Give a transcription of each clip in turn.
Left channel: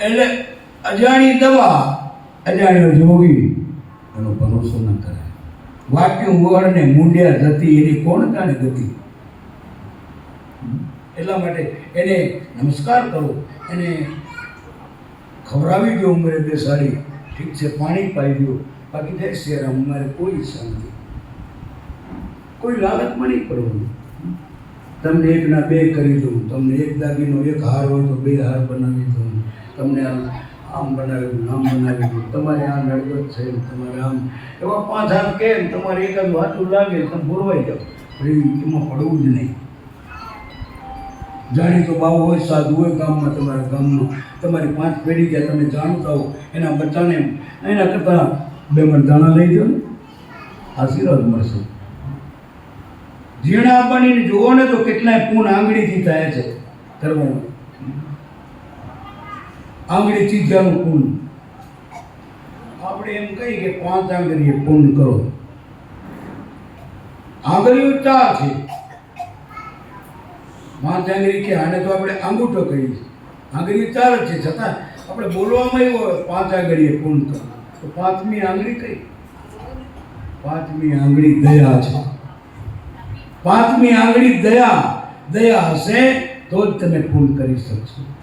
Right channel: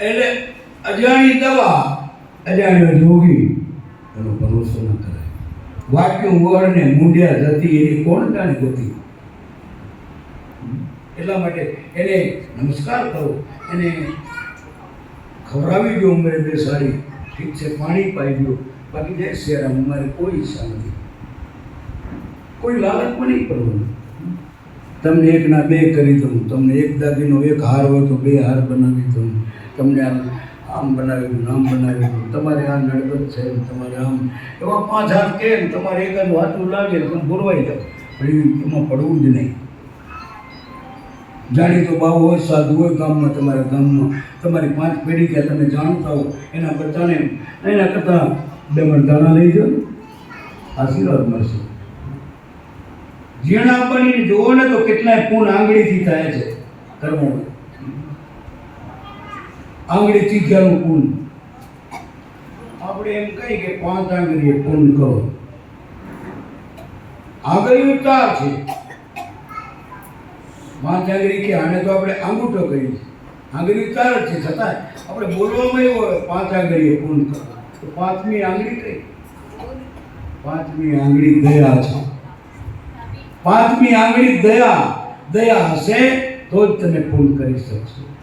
એટલે અજાણી દવા અજાણ્યો જોગી એનો ભરોસો ન કરાય વાક્યું ગોળને મૂંડ્યા જતી એની કોણ જાણે ગતિ? એટલા માટે એને નમસ્કાર કરો. એને ખવડાવી દો ઉંમરે બેસાડી ઠીક છે, પાણી પાઈ દો. બાકી જય શેરામ અમારે કોઈ શાંતિ. કોઈ લાલચમાં નહીં પડવાનું. તમને એકના બે કરી દઉં, તમને એક દાગીનો, એક હાર હોય તો બે હાર બનાવી દઉં. તમને આમ આમ બનાવ્યું આમ બનાવ્યું. તમારે આ નડગત છે તમારે આમ એવા પાંચ હાથ કેમ તમારે એકાદ વાતું લાગે તમે ભૂરવાઈ જાઓ. એમાં પડવું જ નહીં. જાણીતો બાબુ હોય, સાધુ હોય ગામમાં, તમારા ગામમાં. તમારી પાંચ પેઢી ત્યાં તમે જાણતા હો, એના બચ્ચાને એના કરતાં બે મણ દાણા લઈ જાઓ આશીર્વાદ મળશે. ઝીણા આપવાની જુઓ ને તો કેટલાય પૂન આંગળીથી થાય છે ધર્મમાં. આંગળી ચીજાનું પૂન. આપણે એમ કહીએ કે પાંચ આંગળીએ પૂન કરો. આંગળીઓ ચાર છે. પાંચ આંગળી કે આને તો આપણે આંગૂઠો કહીએ. આંગળી ચાર છે. છતાં આપણે બોલવામાં એવું હોય, પાંચ આંગળીએ પૂન કરો. તો પાંચમી આંગળી કઈ? પાંચમી આંગળી દયા છે. પાંચમી આંગળી દયા. દયા હશે તો જ તમે પૂર્ણ કરી શકશો.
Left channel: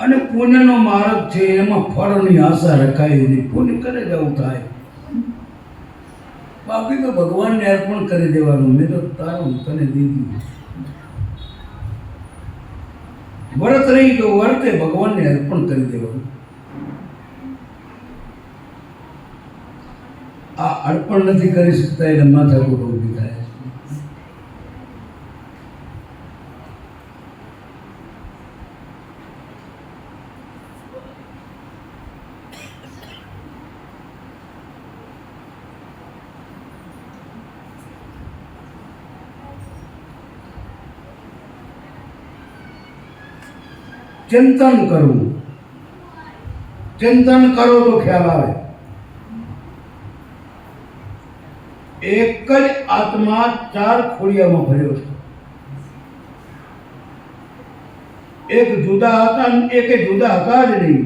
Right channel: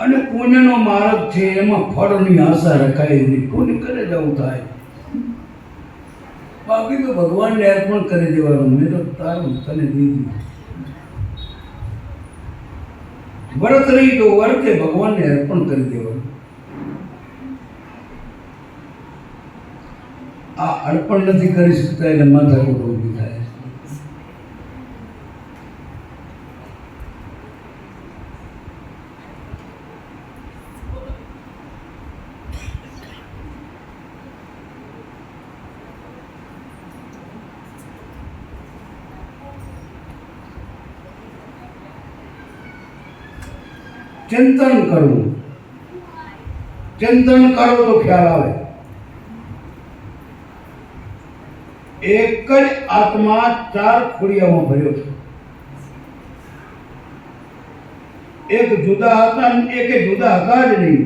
અને પુણ્યનો માર્ગ છે, એમાં ફળની આશા રખાય નહીં પુણ્ય કરે જવું થાય. બાકી તો ભગવાનને અર્પણ કરી દેવાનું, મેં તો તારું તને દીધું. વ્રત રહી તો વર્તે ભગવાનને અર્પણ કરી દેવાનું. આ અર્પણ નથી કરી શકતા એટલે માથાકૂટ ઊભી થાય છે. ચિંતન કરવું. ચિંતન કરો તો ખ્યાલ આવે. એક જ આત્મા ચાર ખોડિયામાં ભર્યો છે. એક જુદા હતા એક જુદા હતા જ નહીં.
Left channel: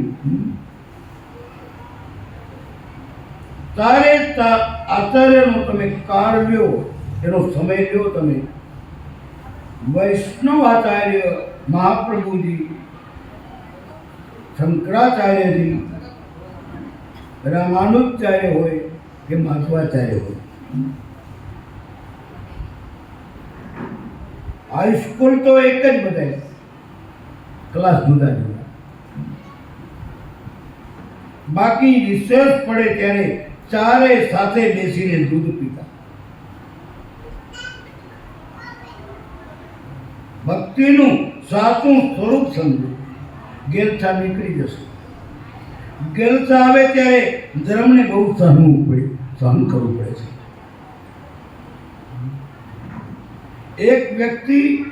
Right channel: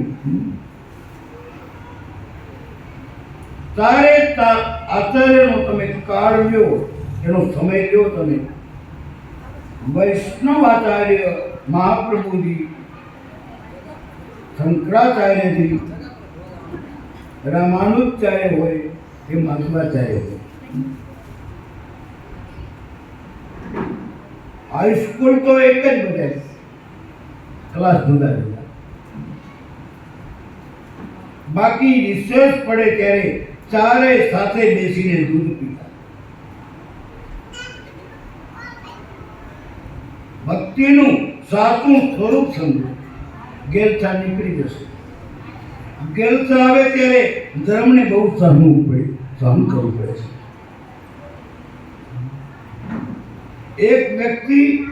તારે આચાર્યનો તમે કાળ લ્યો, એનો સમય લ્યો તમે. વૈષ્ણવ આચાર્ય મહાપ્રભુજી શંકરાચાર્યજી રામાનુજાચાર્ય હોય કે માધવાચાર્ય હોય હાઈસ્કૂલ તો એક જ બધા ક્લાસ જુદા જુદા બાકી રિસર્ચ પડે ત્યારે ચારે સાથે બેસીને દૂધ પીતા ભક્તિનું સાચું સ્વરૂપ સમજો ગેરચા નીકળી જશે. ગેરચા આવે ત્યારે ધર્મને બહુ સહનવું પડે, સહન કરવું પડે છે. એક વ્યક્તિ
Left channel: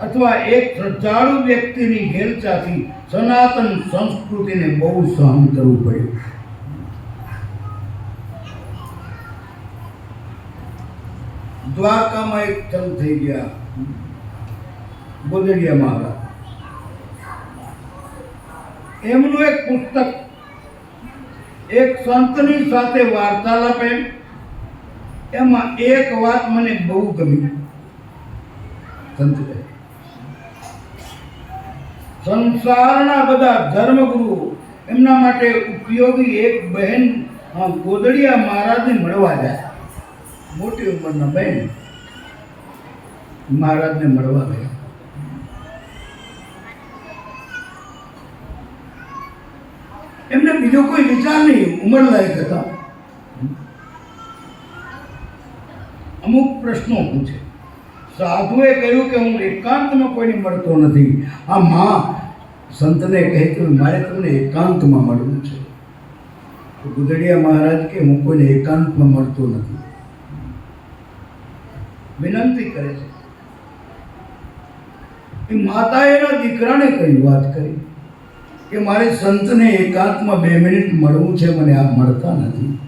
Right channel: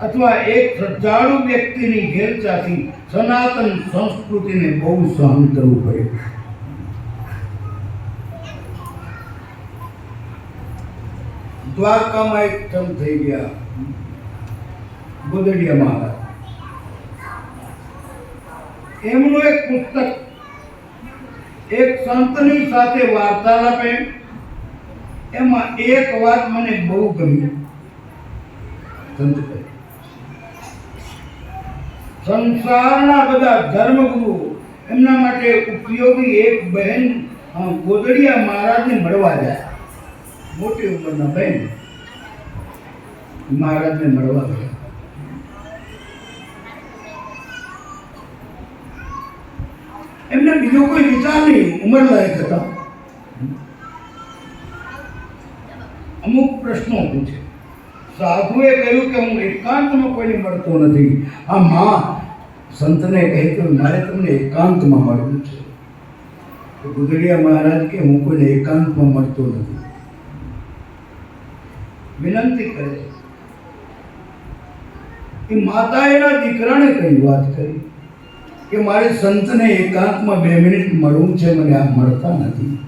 અથવા એક શ્રદ્ધાળુ વ્યક્તિની ગેરચાથી સનાતન સંસ્કૃતિને બહુ સહન કરવું પડે. દ્વારકામાં એક થઈ ગયા. ગોદડિયા મહારાજ. એમનું એક પુસ્તક, એક સંતની સાથે વાર્તાલાપ એમ. એમાં એક વાત મને બહુ ગમી. સંતભાઈ સંસારના બધા ધર્મગુરુ એમના માટે ઉપયોગી એક બહેન ગોદડિયા મહારાજને મળવા ગયા મોટી ઉંમરના બહેન. મહારાજને મળવા ગયા. એમને બીજો કોઈ વિચાર નહીં, ઉંમર લાયક હતા. અમુક પ્રશ્નો પૂછે સાધુએ કહ્યું કે હું એકાંતમાં કોઈને મળતો નથી. આ માં સંતને કહે કે મારે તમને એકાંતમાં મળવું છે. તો ગુદડિયા મહારાજ કે હું કોઈને એકાંતમાં મળતો નથી. વિનંતી કરે છે. એ માતા એના દીકરાને કઈ વાત કરી? કે મારે સંતને એકાંતમાં બે મિનિટ મળવું છે, મને આ મળતા નથી.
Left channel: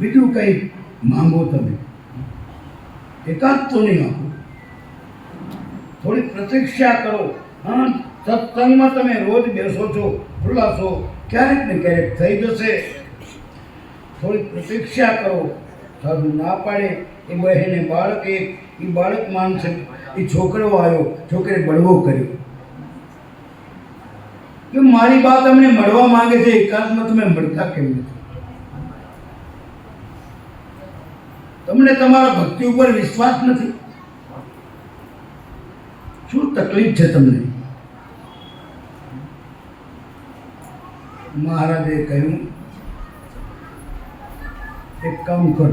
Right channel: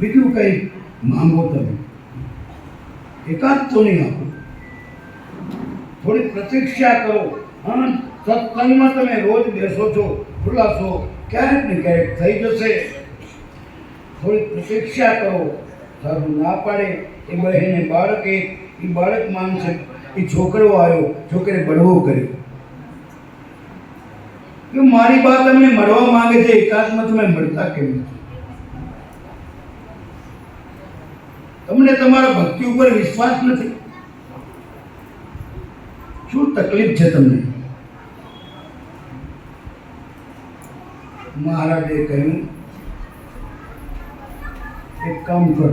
બીજું કંઈ માંગો તમે. એકાંત તો નહીં આપો. થોડી પ્રતીક્ષા કરો. હા સત્સંગમાં તમે રોજ બેસો છો ખુલ્લાસો ક્યારેક ને ક્યારેક થઈ જશે. થોડી પ્રતીક્ષા કરો. સારું ના પાડે એ બહેને બાળક એક એ બાળક માનશે એ છોકરો આવ્યો છોકરે બળવો કર્યો. કે મારી વાત તમને મળવા માંગે છે, એકાંતમાં તમે મળતા કેમ નથી? તમને તમારા ભક્તિ ઉપર વિશ્વાસ નથી? શું તકલીફ છે તમને? મહારાજે કહ્યું એક કામ કર.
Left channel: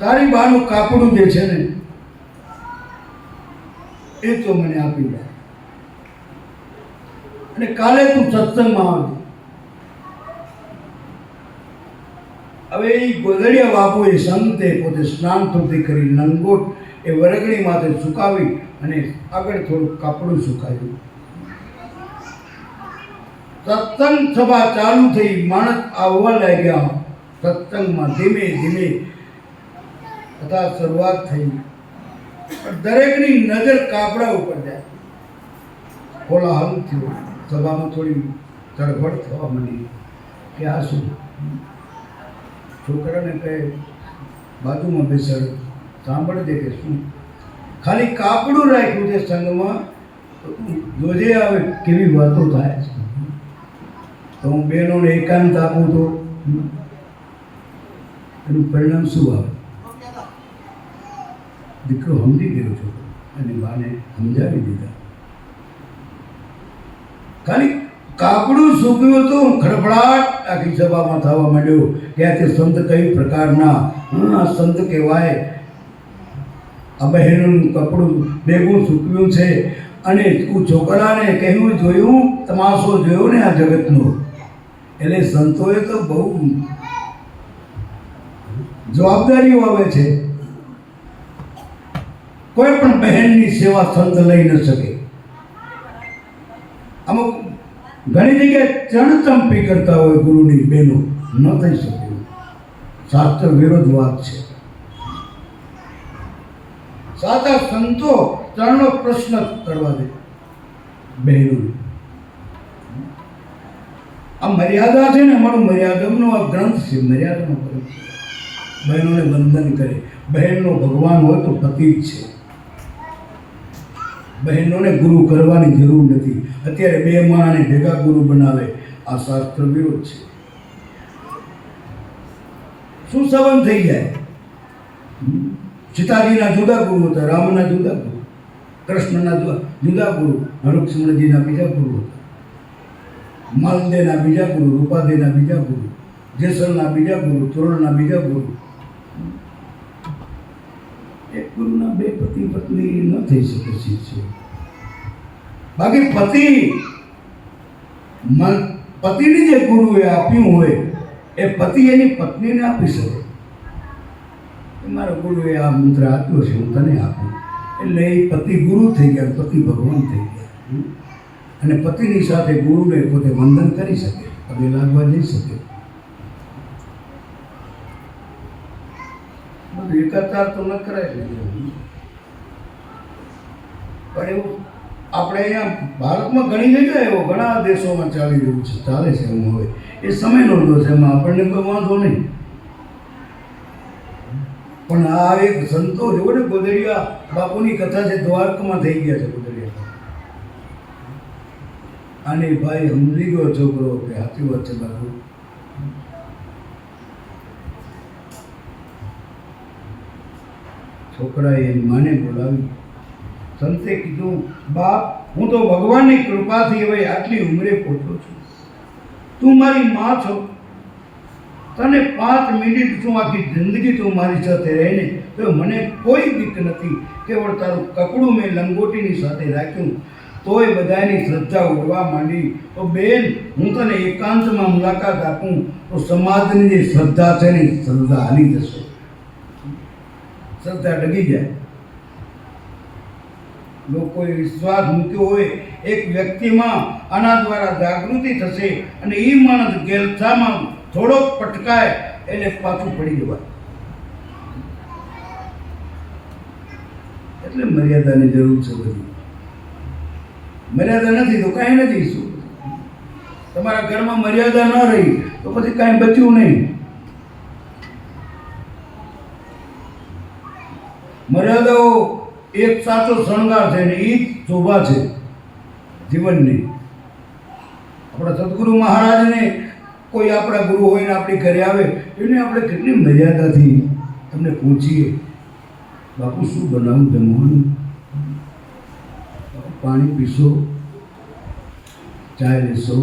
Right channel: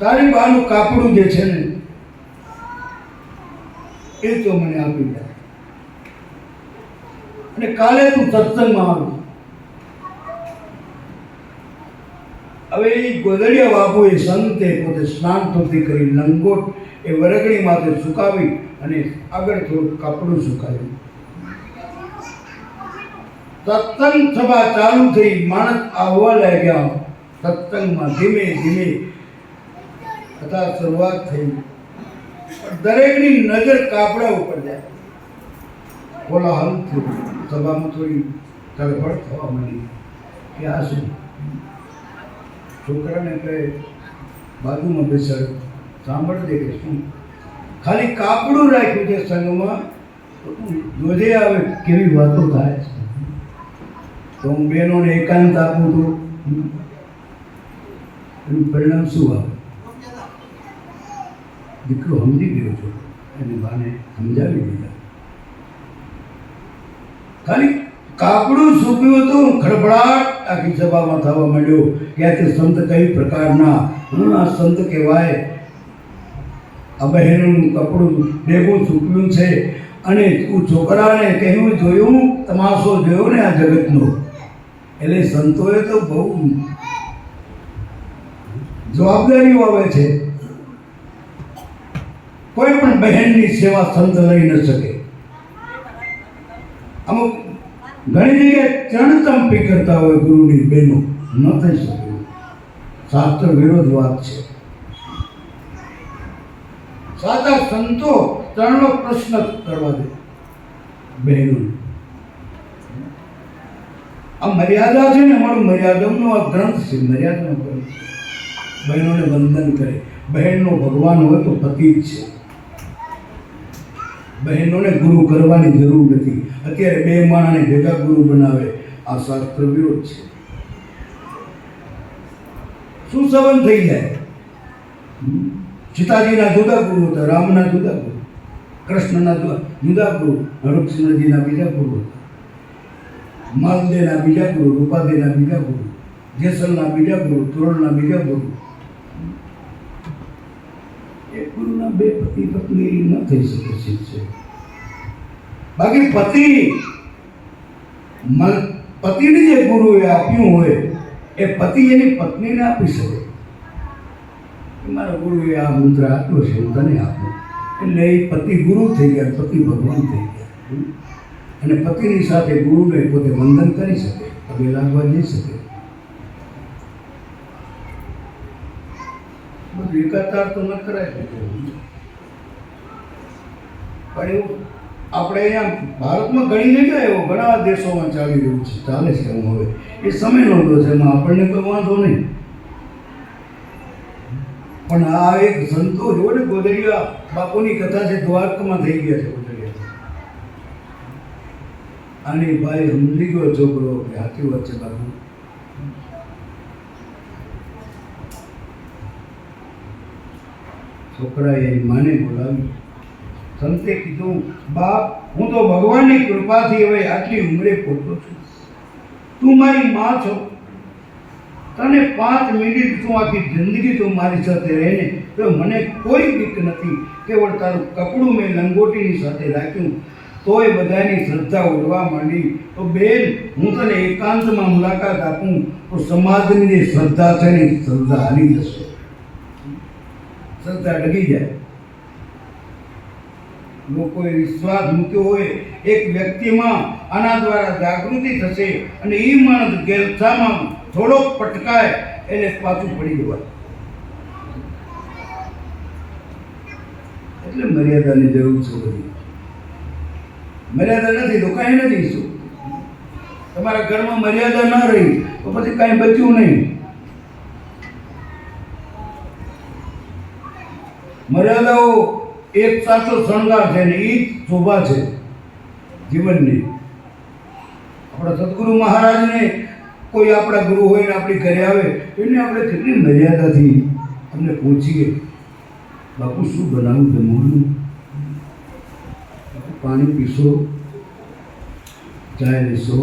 તારી બાનું કાપડું જે છે ને, એ તો મને આપી દે. અને કાલે તું સત્સંગમાં આવજે હવે એ ગોદરિયા બાપુ એ સંતે પોતે સ્નાન ધોતી કરી, લંગોટ એ વરગડી માથે સુકાવી અને આગળ થોડું કાપડું સુકાવ્યું સત્સંગ સભા ચાલુ થઈ, માણસ આવવા લાગ્યા. સત્સંગમાં ધીમે ધીમે બધા શરૂઆત થઈ. પણ દરેકની નજર કાપડા ઉપર જાય. કોલાહલ થયો. સભામાં થોડી તડફડ થવા માંડી. કે આ શું? છોકરાને કહે, બાજુમાં બેસાડ સાંભળજે કે શું? ખાલી કાપડું રાખ્યું છે સંઘમાં. જોજે આવે કેવી વાતો થાય છે. તો હું બહેનોને એકાંત આપું તો એનું પરિણામ શું આવે? દીકરો સમજી ગયો છો. અને બાને સમજાવી દીધા. ખાલી કાપડું સૂક્યું તો ખડબડાટ આખી સભામાં થવા માંડ્યો. કે આ તે સંત કઈ પ્રકારના? આ સંત કહેવાય. આ બહેનોનું કપડું ભેગું સૂક્યું છે. અને હું છોકરાને કહેવું જોયું, તમાશો જોયો ને આ જગતનો? એટલે સંતોએ તો બહુ જવાબદારીઓ આવે છે. કોઈ પણ બહેનની સેવા સંત લઈ ન શકે. અમુક ઘણી જગ્યાએ ચણચંપી કરતા હોય ગુરુની બહેનો, ન થઈ શકે. શાસ્ત્ર વિરોધ વાત છે. સાચા સંતો ત્રણનો પ્રશ્ન કરવા દે બહેનો આ મર્યાદા છે ને અમારું મર્યાદમનો આ ગ્રંથ છે, મર્યાદાનો ગ્રંથ બહેનોને વંદન કરે. બહેનનો ભગવાન હોય તો પતિ જ છે. બહેનોને ગુરુ કરવાની જરૂર નથી. અત્યારે બે માણને ભેગા ગુરુ બનાવે. આ શાસ્ત્ર વિરોધ છે. શું સંબંધ થઈ જાય? સીતાજીના જુદા ગુરુ હતા, રામના જુદા ગુરુ, કૃષ્ણના જુદા- ગુરુ હરુકૃષ્ણજીના બીજા ગુરુ હતા. માલદેના બીજા ગુરુ રૂપાદેના બીજા ગુરુ, જેસલના બીજા ગુરુ, તોરણના બીજા ગુરુ. એક ગુરુના બે પતિ પત્ની ન થઈ શકે શિષ્ય. બાકી પતિ પતિને જે ગુરુએ આપ્યું હોય, એ પતિ એની પત્નીને આપી શકે. મારા ગુરુએ આ મંત્ર આપ્યો છે, હું તને આપું. એટલે એ પતિ ગુરુ થઈ ગયા, પતિ ભગવાન થઈ ગયા? અને પતિની સાથે ગુરુને પોતે વંદન કરી શકે પગે લાગવા જઈ શકે. બધું એકાકાર તો ન કરાય પણ એવું આપણે અહીંયા ભારતમાં ઘણી જગ્યાએ એવો ઘણા દેશોમાં ચાલી રહ્યું છે, ચાલે છે એમ હવે. એ સમયનો નોંધો છે, એમાં આપણને કોઈ વાંધો નહીં. પણ આ એક સંતો જોવો ને ગોદરિયા બાપુની કથા છે, દ્વારકામાં થઈ ગયા છે. અને ભાઈ સમજી ગયો છોકરો કે સાચી વાત છે બાપુ? છોકરાએ માને બોલાવી. સંતે કીધું, બાપ, હું તો ભગવાનની કૃપાથી હવે આટલી ઉંમરે પહોંચો છું. તું મારી માં છો. તને પાંચ મિનિટ તું આખી જિંદગી તું મારી સાથે રહે ને તો મને કોઈ બીક નથી. કેવળ તારું કપડું મેં લંગોટીની સાથે રાખ્યું. તોય બધાની શ્રદ્ધા ઉડવા માંડી. તો બેન, હું તને એકાંતમાં મુલાકાત આપું. તો સમાજની જે શ્રદ્ધા છે ને શ્રદ્ધા હારી જશે. શ્રદ્ધા ડગી જાય. લોકોએ વિશ્વાસ મૂક્યો હોય, એક વ્યક્તિમાં આના દ્વારા જાગૃતિ થશે અને એ માણસ ગેરથામાં થોડોક પટકાય, એને પાછું પડી જવાય. એટલે મર્યાદાની જરૂર છે બધી. મર્યાદા નથી, તો કાંઈ નથી શું તમારા ઘરમાં મર્યાદા ન રહી, તો પછી કાંઈ બચ્યું નહીં. મર્યાદાઓ એક સાચો શણગાર છે ને એ જ શોભા છે જીવનની. આપણા સદગુરુ મહારાજને કોઈ આપણા ગુરુ હોય આપણી ઘરે આવે, એને આપણે કેટલી મર્યાદાથી તમને પૂછીએ? બાપુ, શું બનાવું જમવાનું? પાણી પીશો, ચાય લેશો.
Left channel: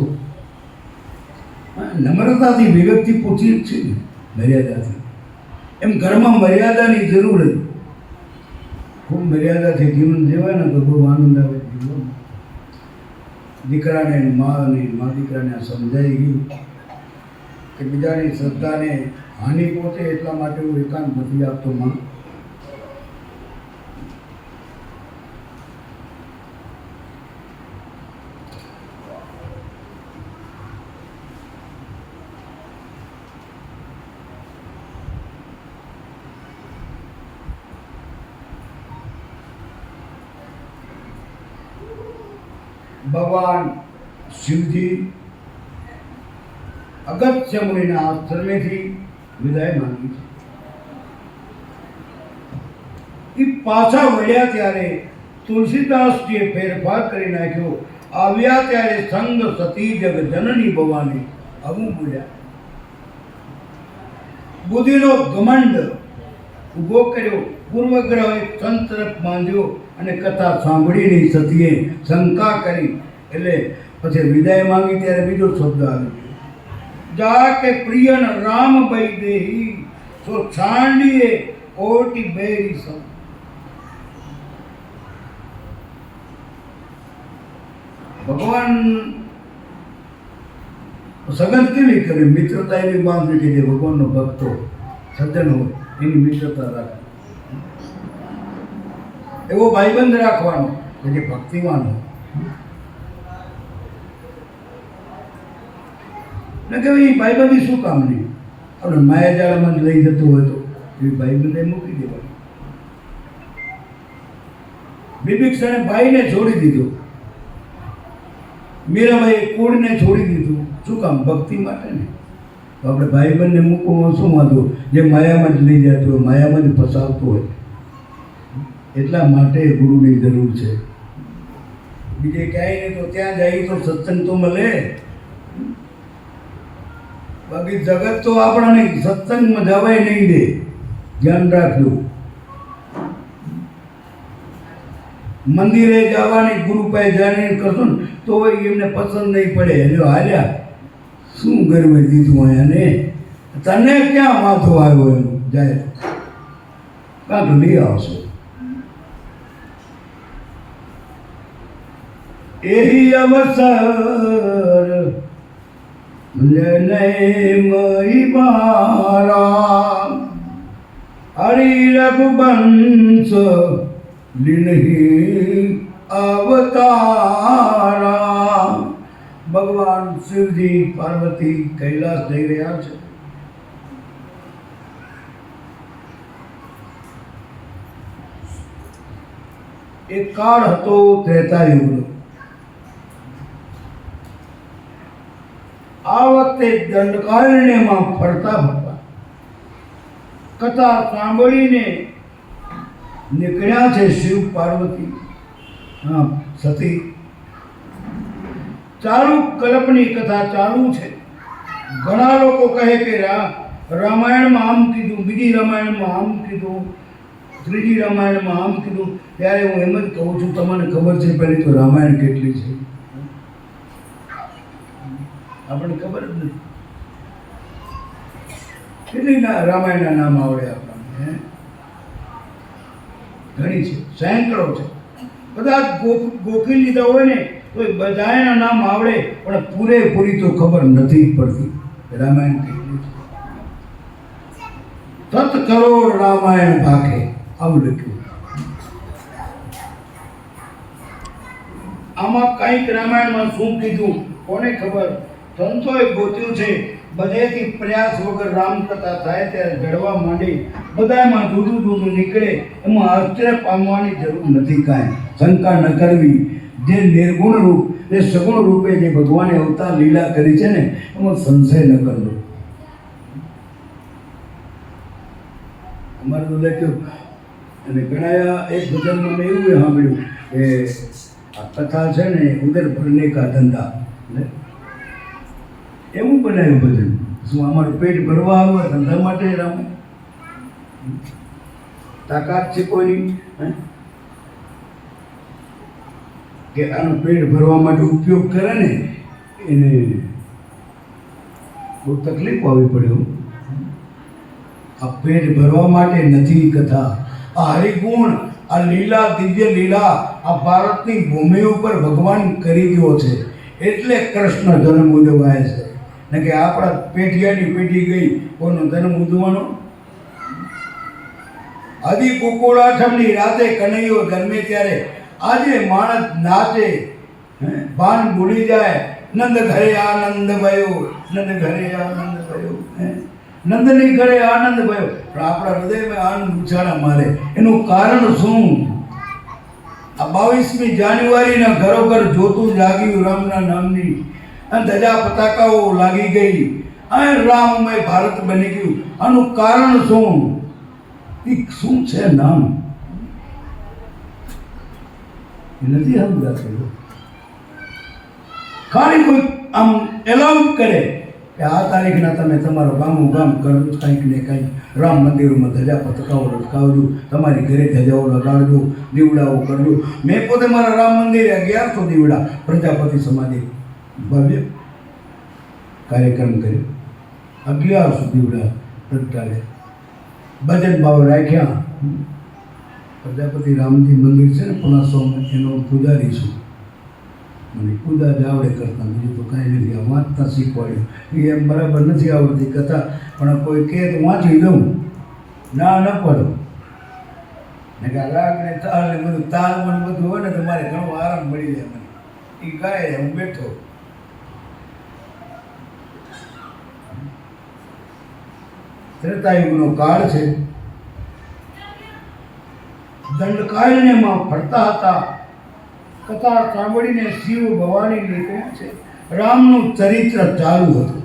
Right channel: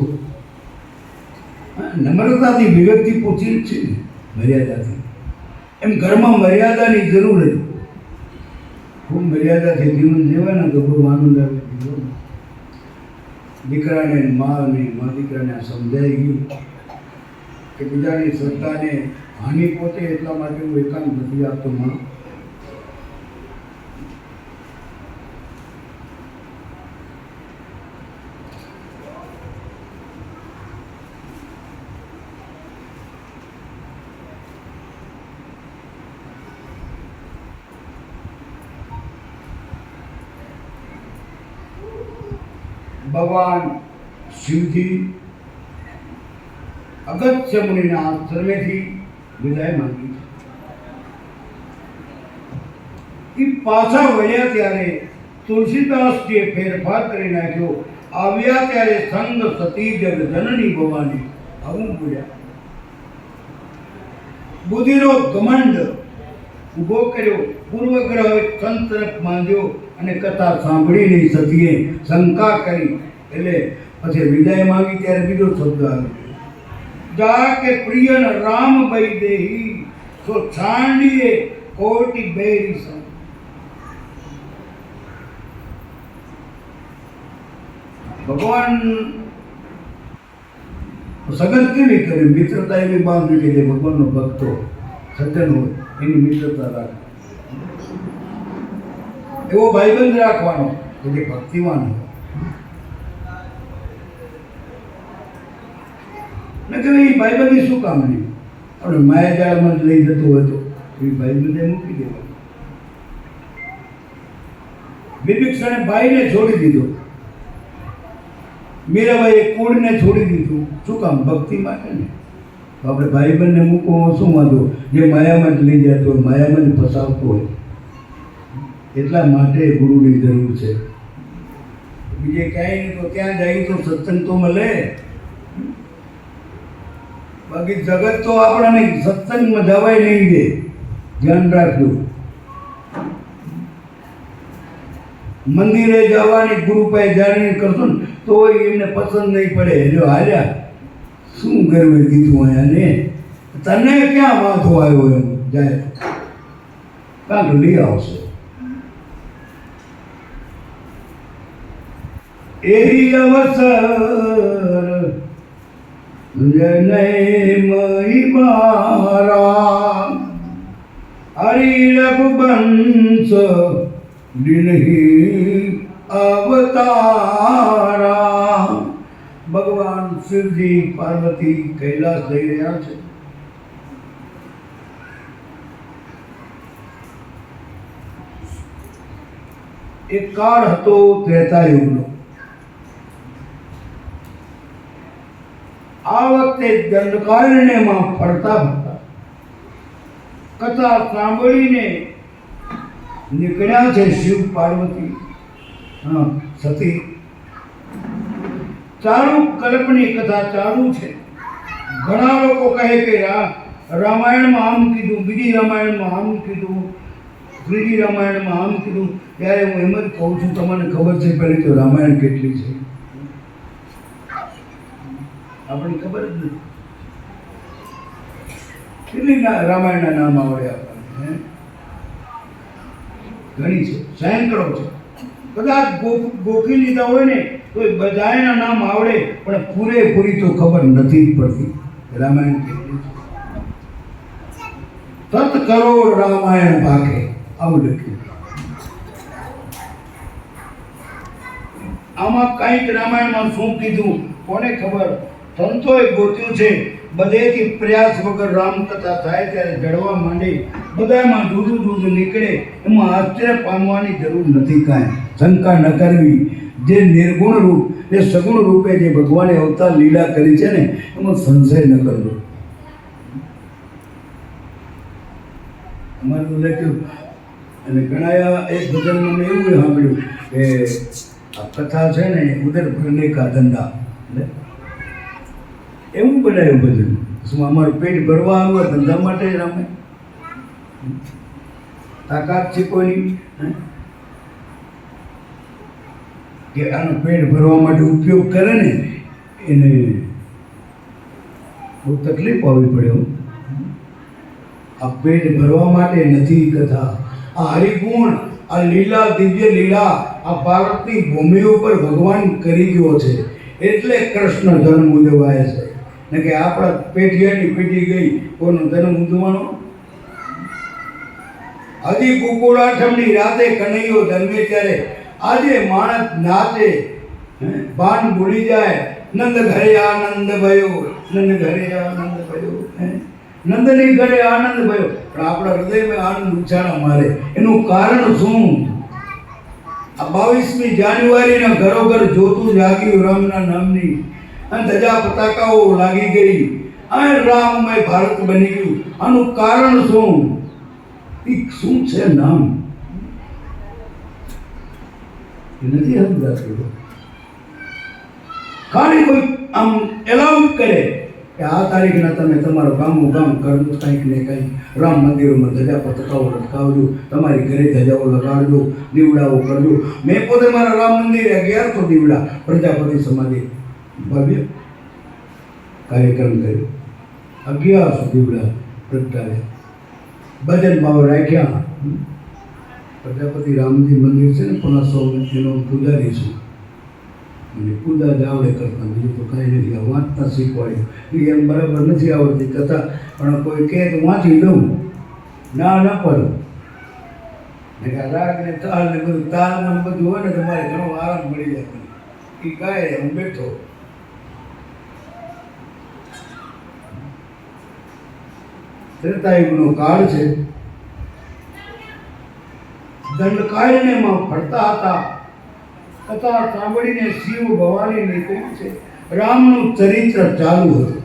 નમ્રતાથી વિવેકથી પૂછી છે ને, મર્યાદાથી. એમ ઘરમાં મર્યાદાની જરૂર છે ખૂબ મર્યાદાથી જીવન જીવાય ને તો ખૂબ આનંદ આવે જીવન. દીકરાને ને માને મા દીકરાને આ સમજાઈ ગયું કે બીજાની શ્રદ્ધાને હાનિ પહોંચે એટલા માટે હું એકાંત નથી આપતો માં ભગવાન શિવજી અગત્ય મુનિના આશ્રમેથી વિદાય માંગી છે. એ પાછા વળ્યા ત્યારે તુલસીદાસજીએ ફેરફાર કરી નાખ્યો. આવ્યા ત્યારે સંગ સતી જગ જનની ભવાની આવું બોલ્યા. બુદ્ધિનો ઘમંડ ઊભો કર્યો. પૂર્વગ્રહ સંત તરફ બાંધ્યો અને કથા સાંભળીને સતીએ શંકા કરી. એટલે પછી વિદાય માંગી ત્યારે બીજો શબ્દ આવ્યો. જા કે પ્રિયન રામ બઈ દેહી, તો છાંડીએ કોટી બેરી સમ ભગવાન સગન કેવી કરે? મિત્રતા એવી બાંધવી કે જે ભગવાનનો ભક્તો સત્યનો હોય એની મિત્રતા રાખે. એવો ભાઈબંધ રાખવાનો કે જે ભક્તિવાન હોય. ને કે એ ભાઈબંધી શું કામની આપણે માયાજાળમાં જ લઈ જતો હોય તો. એ ભાઈબંધે મૂકી દેવાનું. બિભિક્ષણે ભાઈને છોડી દીધો. મીરાબાઈએ કુળને છોડી દીધું. શું કામ? ભક્તિ માટે ને? તો આપણે ભાઈબંધને મૂકવામાં શું વાંધો? જે માયામાં જ લઈ જતો હોય, માયામાં જ ફસાવતો હોય. એટલા માટે ગુરુની જરૂર છે. બીજે ક્યાંય નહીં તો ત્યાં જાય તો સત્સંગ તો મળે બાકી જગત તો આપણાને સત્સંગમાં જવાય નહીં દે. ધ્યાન રાખજો. મંદિરે જવાની ગુરુ પાસે જાણીને કરશો ને તો એમને પસંદ નહીં પડે. જો હાલ્યા, શું ગરવે દીધું અહીંયા ને તને ક્યાં વાંધો આવ્યો એમ? જાય. કાંક લઈ આવશો. એહી અવસર મારા હરિ રઘુવંશ દિનહી અવતારા ભગવાન શિવજી પાર્વતી કૈલાસ જઈ રહ્યા છે એક કાળ હતો ત્રેતાયુગનો આ વખતે દંડકારણ્યમાં ફરતા હતા. કથા સાંભળીને નીકળ્યા છે શિવ પાર્વતી. સતી. ચાલુ કલ્પની કથા ચાલુ છે. ઘણા લોકો કહે કે રામાયણમાં આમ કીધું, બીજી રામાયણમાં આમ કીધું, ત્રીજી રામાયણમાં આમ કીધું. ત્યારે હું એમ જ કહું છું, તમને ખબર છે, પહેલી તો રામાયણ કેટલી છે? આપણને ખબર જ નથી. કેટલી રામાયણના નામ આવડે આપણને ઘણી છે, સેંકડો છે. બધા ગોખી લીધા હોય ને તો એ બધાના નામ આવડે, પણ પૂરેપૂરી તો ખબર નથી પડતી. રામાયણ કેટલું છે? સત કરોડ રામાયણ ભાગે આવું લખ્યું. આમાં કંઈક રામાયણમાં શું કીધું, કોને ખબર? સંતોએ ગોત્યું છે. બધેથી પ્રયાસ વગર રામકથા થાય ત્યારે જડવા માંડે બધામાં જુદું જુદું નીકળે. એમાં આશ્ચર્ય પામવાની જરૂર નથી કાંઈ. શંકા ન કરવી. જે નિર્ગુણ રૂપ, જે સગુણ રૂપે જે ભગવાને અવતાર લીલા કરી છે ને, એમાં સંશય ન કરજો અમારે તો લખ્યું અને ઘણા એક ભજનમાં મેં એવું સાંભળ્યું કે આ કથા છે ને ઉદર ભરને કા ધંધા. એવું બનાવ્યું બધું. શું અમારું પેટ ભરવા આવ્યું ધંધા માટે રામે તાકાત છે કોઈની? કે આનો પેટ ભરવા માટે ઉપયોગ કરે ને, એને બહુ તકલીફ આવી પડે આ પેટ ભરવા માટે નથી કથા. આ હરિગુણ, આ લીલા દિવ્ય લીલા, આ ભારતની ભૂમિ ઉપર ભગવાન કરી ગયો છે. એટલે કૃષ્ણ જન્મ ઉજવાય છે. ને કે આપણા પેઢિયાની પેઢી ગઈ, કોનો જન્મ ઉજવાનો હજી કુકુળાઠમની રાતે કનૈયો જન્મે ત્યારે, આજે માણસ નાચે ભાન ભૂલી જાય, નંદ ઘરે આનંદ ભયો, નંદ ઘરે આનંદ ભયો, હે. નંદની ઘરે આનંદ ભયો, પણ આપણા હૃદયમાં આનંદ ઉછાળા મારે. એનું કારણ શું? આ બાવીસમી જાન્યુઆરીના ઘરોઘર જોતું જાગ્યું રામના નામની. અને ધજા પતાકાઓ લાગી ગઈ. આ રામમય ભારત બની ગયું. આનું કારણ શું? ઈ શું છે નામ? નથી સમજાતું. ખાલી કોઈ આમ એલાઉ કરે કે આ તારીખના તમે તમારું ગામનું કામ કરજો કંઈક ને કંઈક. રામ મંદિરોમાં ધજા પતકાઓ લટકાવજો, તમારી ઘરે ધજાઓ લગાડજો, દીવડાઓ કરજો. મેં પોતે મારા રામ મંદિરે અગિયારસો દીવડા, પ્રજાપતિ સમાધિ. ભવ્ય કાર્યક્રમ કર્યો. અગિયારસો દીવડા પ્રગટાવ્યા. ભજન ભાવ રાખ્યા. પ્રજાપતિ રામજી મંદિર છે ને પુના સોમનાથ એનો પૂજારી છું. અને પૂજા જાવડે કરતા, બીજું તો કાંઈ નથી. વાંચતા શીખવાડ્યું. એમ બરાબર નથી આવડતી કથા, પણ કોઈ કહે તો વાંચી દઉં ના ના પડું. કે રાગ ને તાલ ને બધું, તાલ મને બધું હોય ને તો મારે ઘણો આરામ મળી જાય એ ગાય હું બેઠો. ત્રેતાયુગનો કાળ છે. દંડકાયને માં ફરતા હતા. કથા સાંભળીને શિવ ભવાની નીકળ્યા છે રામનું ચરિત્ર ચાલુ હતું.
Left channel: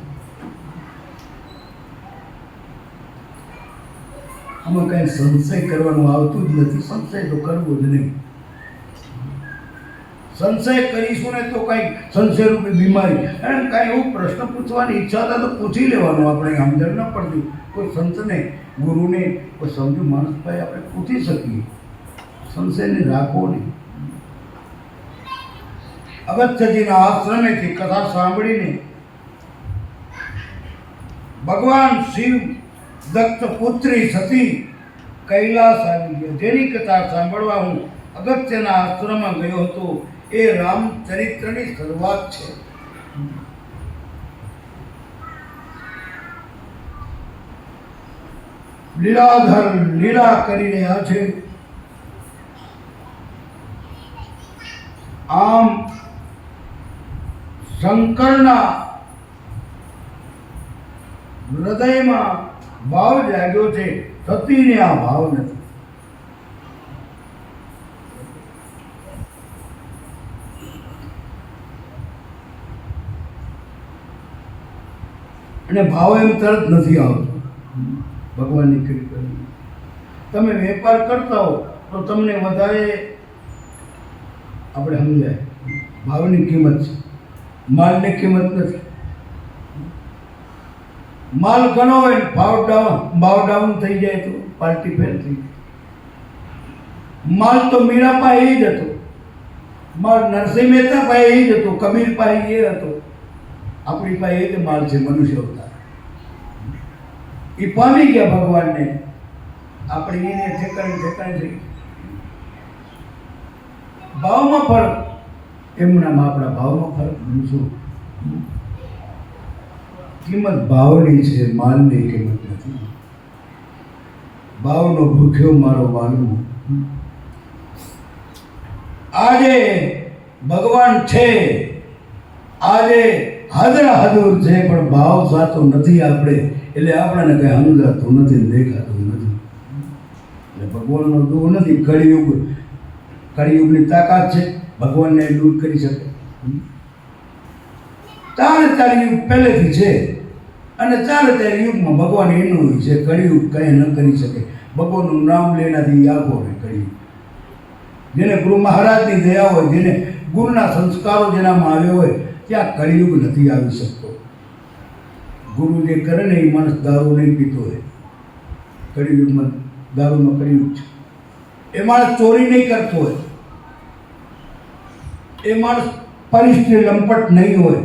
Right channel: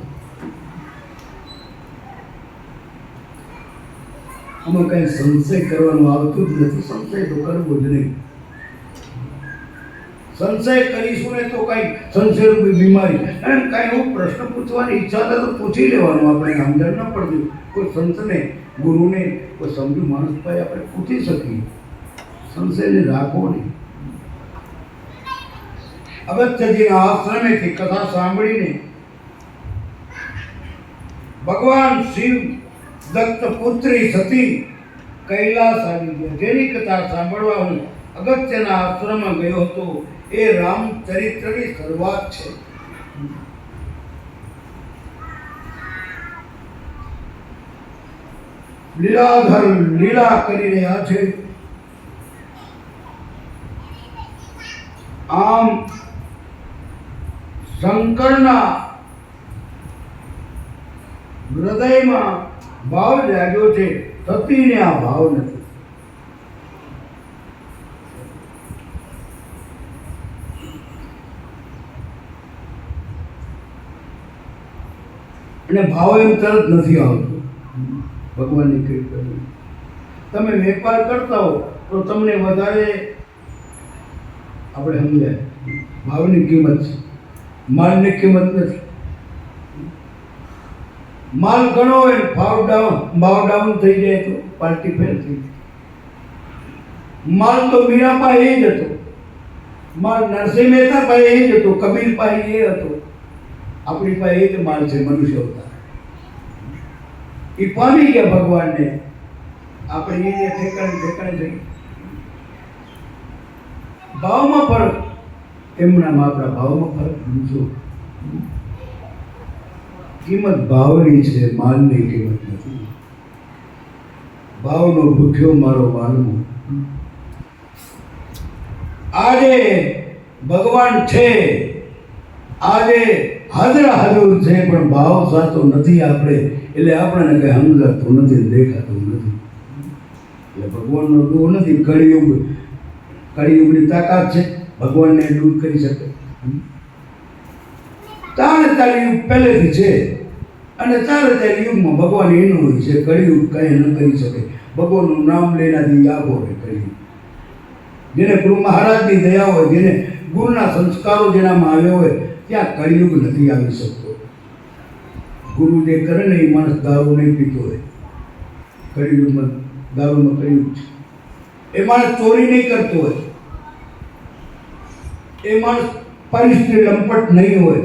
આમાં કઈ સંશય કરવાનો આવતું જ નથી. સંશય તો કરવો જ નહીં. સંશય કરીશું ને તો કઈ સંશયરૂપી બીમારી. અને કઈ એવું પ્રશ્ન પૂછવાની ઈચ્છા થાય તો પૂછી લેવાનું આપણે સમજણ ન પડતી કોઈ સંતને, ગુરુને કોઈ સમજુ માણસ પાસે આપણે પૂછી શકીએ. સંશયને રાખવો નહીં. અગત્યજીના આશ્રમેથી કથા સાંભળીને ભગવાન શિવ દત્ત પુત્રી સતી કૈલાસ આવી ગયો. જેની કથા સાંભળવા હું અગત્યના આશ્રમમાં ગયો હતો, એ રામચરિત્રની શરૂઆત છે. લીલાધર લીલા કરી રહ્યા છે આમ શંકરના હૃદયમાં ભાવ જાગ્યો છે, સતીને આ ભાવ નથી. અને ભાવ એમ તરત નથી આવતો. ભગવાનની કૃપા તમે વેપાર કરતા હો તો તમને વધારે આપણે સમજાય. ભાવની કિંમત છે. માલની કિંમત નથી. માલ ઘણો હોય ભાવ ડાઉન ભાવ ડાઉન થઈ જાય તો પાર્ટી ફેલ થઈ જાય. માલ તો મીરા પાસે એ જ હતો. માલ નરસિંહ મહેતા પાસે એ જ હતો. કબીર પાસે એ હતો. આપણી પાસે એ જ માલ છે, મનુષ્ય અવતાર. એ પામી ગયા ભગવાનને. આપણે એને ઠેકાણે ઠેકાણે જઈ ભાવમાં ફરક. એમના આપણા ભાવમાં ફરક સમજો કિંમત ભાવની છે માલની કિંમત નથી. ભાવનો ભૂખ્યો મારો માનવો. આજે ભગવાન છે. આજે હાજર હાજર છે પણ ભાવ સાચો નથી આપણે. એટલે આપણને કઈ સમજાતું નથી દેખાતું નથી. એટલે ભગવાનનો દૂર નથી, કળિયુગ, કળિયુગની તાકાત છે. ભગવાનને દૂર કરી શકે. ચારે ચાર યુગ પહેલેથી છે. અને ચારે ચાર યુગમાં ભગવાન એનું છે, કળિયુગ કંઈ ન કરી શકે. ભગવાનનું નામ લેનાથી યાગો રહે કળિયુગ. જેને ગુરુ મહારાજની દયા હોય, જેને ગુરુના સંસ્કારો જેનામાં આવ્યા હોય ત્યાં કળિયુગ નથી આવી શકતો? ગુરુ જે કરે ને એ માણસ દારૂ નહીં પીતો હોય. કળિયુગમાં દારૂમાં કળિયુગ છે. એ માણસ ચોરી નહીં કરતો હોય. એ માણસ પરિસ્થિતિ લંપટ નહીં હોય.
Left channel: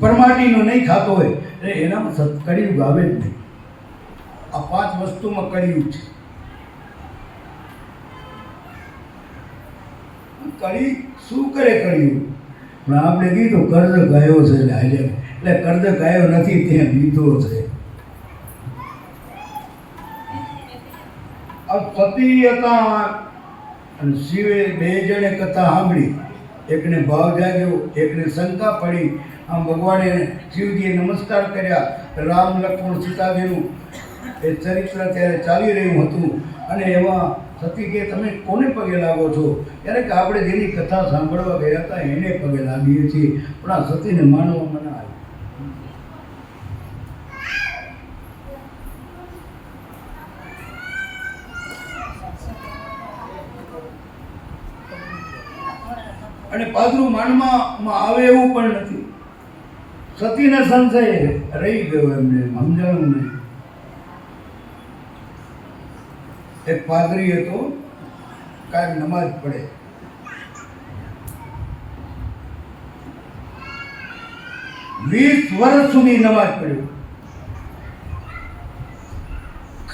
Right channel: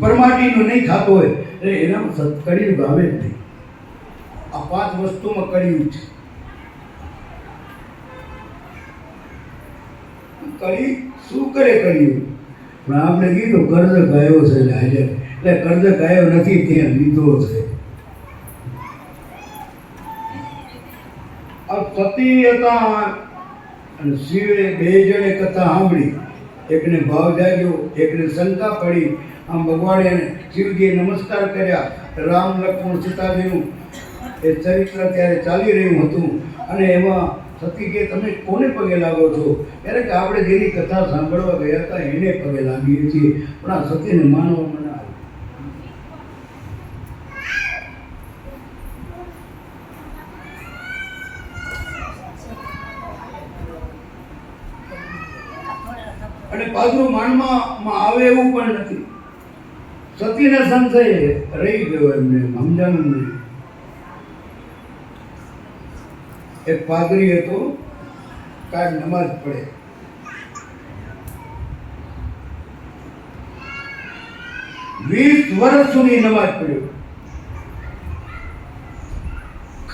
પરમાટીનો નહીં ખાતો હોય. એટલે એનામાં કળિયુગ આવે જ નહીં. આ પાંચ વસ્તુમાં કળિયુગ છે. કળી શું કરે કર્યું? પણ આપણે કીધું કર્જ ગાયો છે એટલે કર્જ ગાયો નથી, ત્યાં લીધો છે. સતી હતા અને શિવે બે જણે કથા સાંભળી. એકને ભાવ જાગ્યો, એકને શંકા પડી. આમ ભગવાને શિવજીએ નમસ્કાર કર્યા. રામ લક્ષ્મણ સીતાજીનું એ ચરિત્ર ત્યારે ચાલી રહ્યું હતું. અને એમાં સતી કે તમે કોને પગે લાગો છો? ત્યારે કે આપણે જેની કથા સાંભળવા ગયા હતા, એને પગે લાગીએ છીએ. પણ આ સતીને માનવામાં ના આવી. અને પાદરું માનમાં આવે એવું પણ નથી. સતીના સંશય રહી ગયો એમને, સમજાણું નહીં. એક પાદરી હતો, કાંઈ નમાજ પડે. વીસ વર્ષ સુધી નમાજ પડ્યો.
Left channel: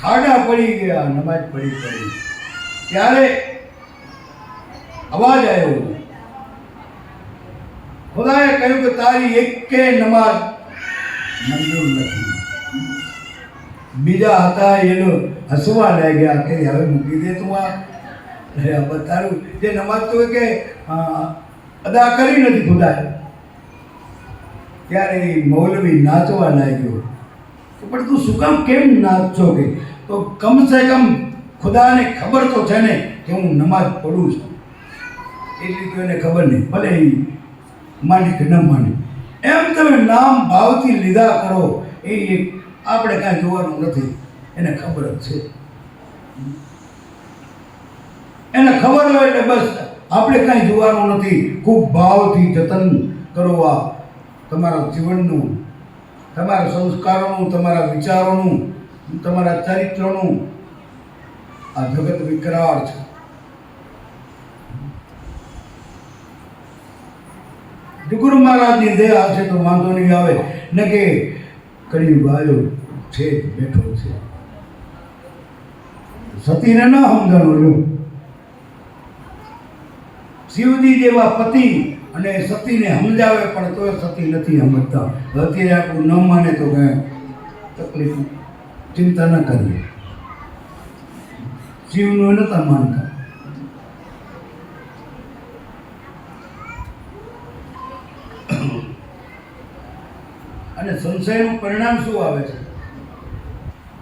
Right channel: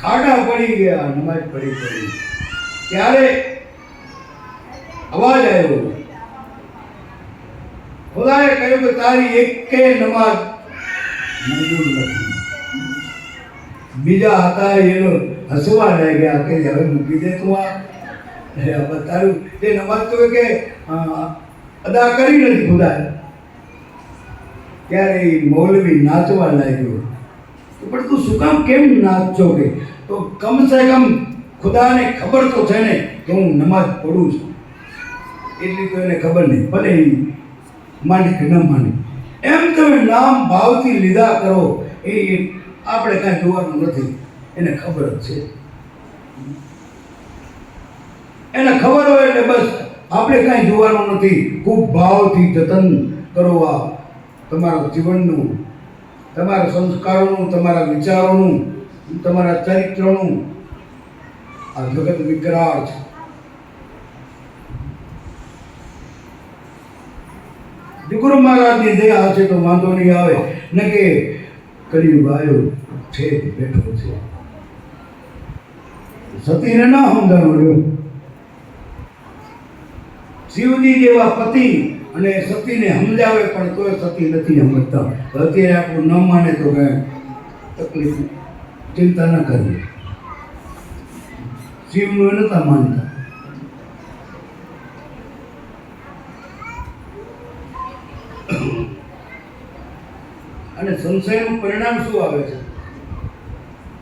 ખાડા પડી ગયા, નમાજ પડી પડી. ત્યારે અવાજ આવ્યો. ખુદાએ કહ્યું કે તારી એકે નમાજ મંજૂર નથી. બીજા હતા એનો હસવા લાગ્યા કે હવે મૂકી દે તું આ. તારું. જે નમાજ તો કે અદા કરી નથી ખુદા ત્યારે એ મૌલવી નાચવા લાગ્યો. તો પણ તું શું કામ કેમ નાચો કે? તો કમસે કમ ખુદાને ખબર તો છે ને કે હું નમાજ પડું છું. એટલી તો એને ખબર નહીં, ભલે એ માની કે ન માની. એમ તમે નામ ભાવથી લીધા કરો, એ આપણે કાંઈ જોવાનું નથી. એને ખબર જ છે. એને ખબર હોય એટલે બસ આપણે કાંઈ જોવાનું નથી. ખૂબ ભાવથી જતન કરો આ તમારા જીવનનું, તમારા સંસ્કારોનું, તમારા વિચારોનું, તમારા ચરિત્રનું આ જગત વિકરાળ છે. ગુરુ મહારાજની દયા હશે તો વાંધો નહીં આવે. ને કે કરી વાયો છે, બેઠો છે. સતીને ન સમજાણું શિવજી જેવા પતિ અને સતીને સમજાવે પણ તોય સતી નથી સમજતા. અત્યારે આટલું ન માને તો કઈ તકલીફ ચિંતા ન કરવી શિવનું નતા માનતા. અને સંશયનું પરિણામ શું આવે છે?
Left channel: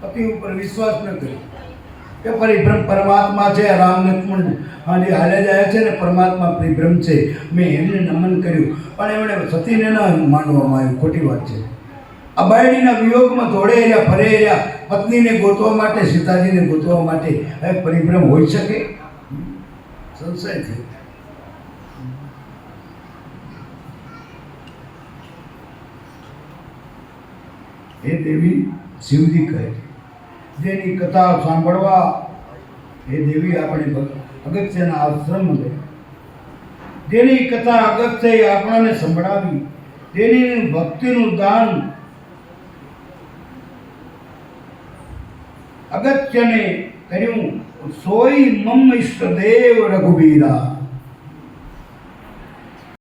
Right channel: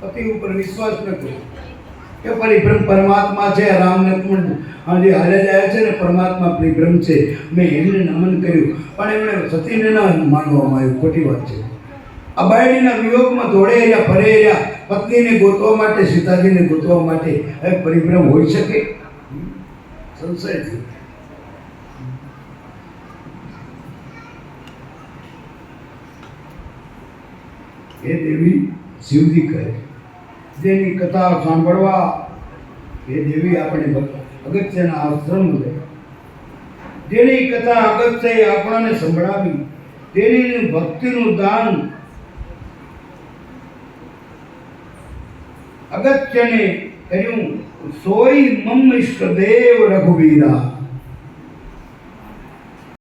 પતિ ઉપર વિશ્વાસ ન કર્યો કે પરિભ્રમ પરમાત્મા છે, રામને કુંડ જે હાલે જાય છે ને, પરમાત્મા પરિભ્રમ છે. મેં એમને નમન કર્યું. પણ એમણે સતીને ન માનવામાં આવ્યું. ખોટી વાત છે. આ બાયડીના વિયોગમાં દોડે રહ્યા, ફરે રહ્યા. પત્નીને ગોતવા માટે, સીતાજીને ગોતવા માટે. હવે પરિભ્રમ હોઈ શકે? સંશયથી એ દેવી, શિવજી કહે છે. જેની કથા સાંભળવા એ દેવી આપણે અગત્યના આશ્રમ લે જેની કથા અગત્ય આપણને સંભળાવી જેની ભક્તિનું દાન અગત્યને કર્યું. સોય મમ ઇષ્ટદેવ રઘુવીરા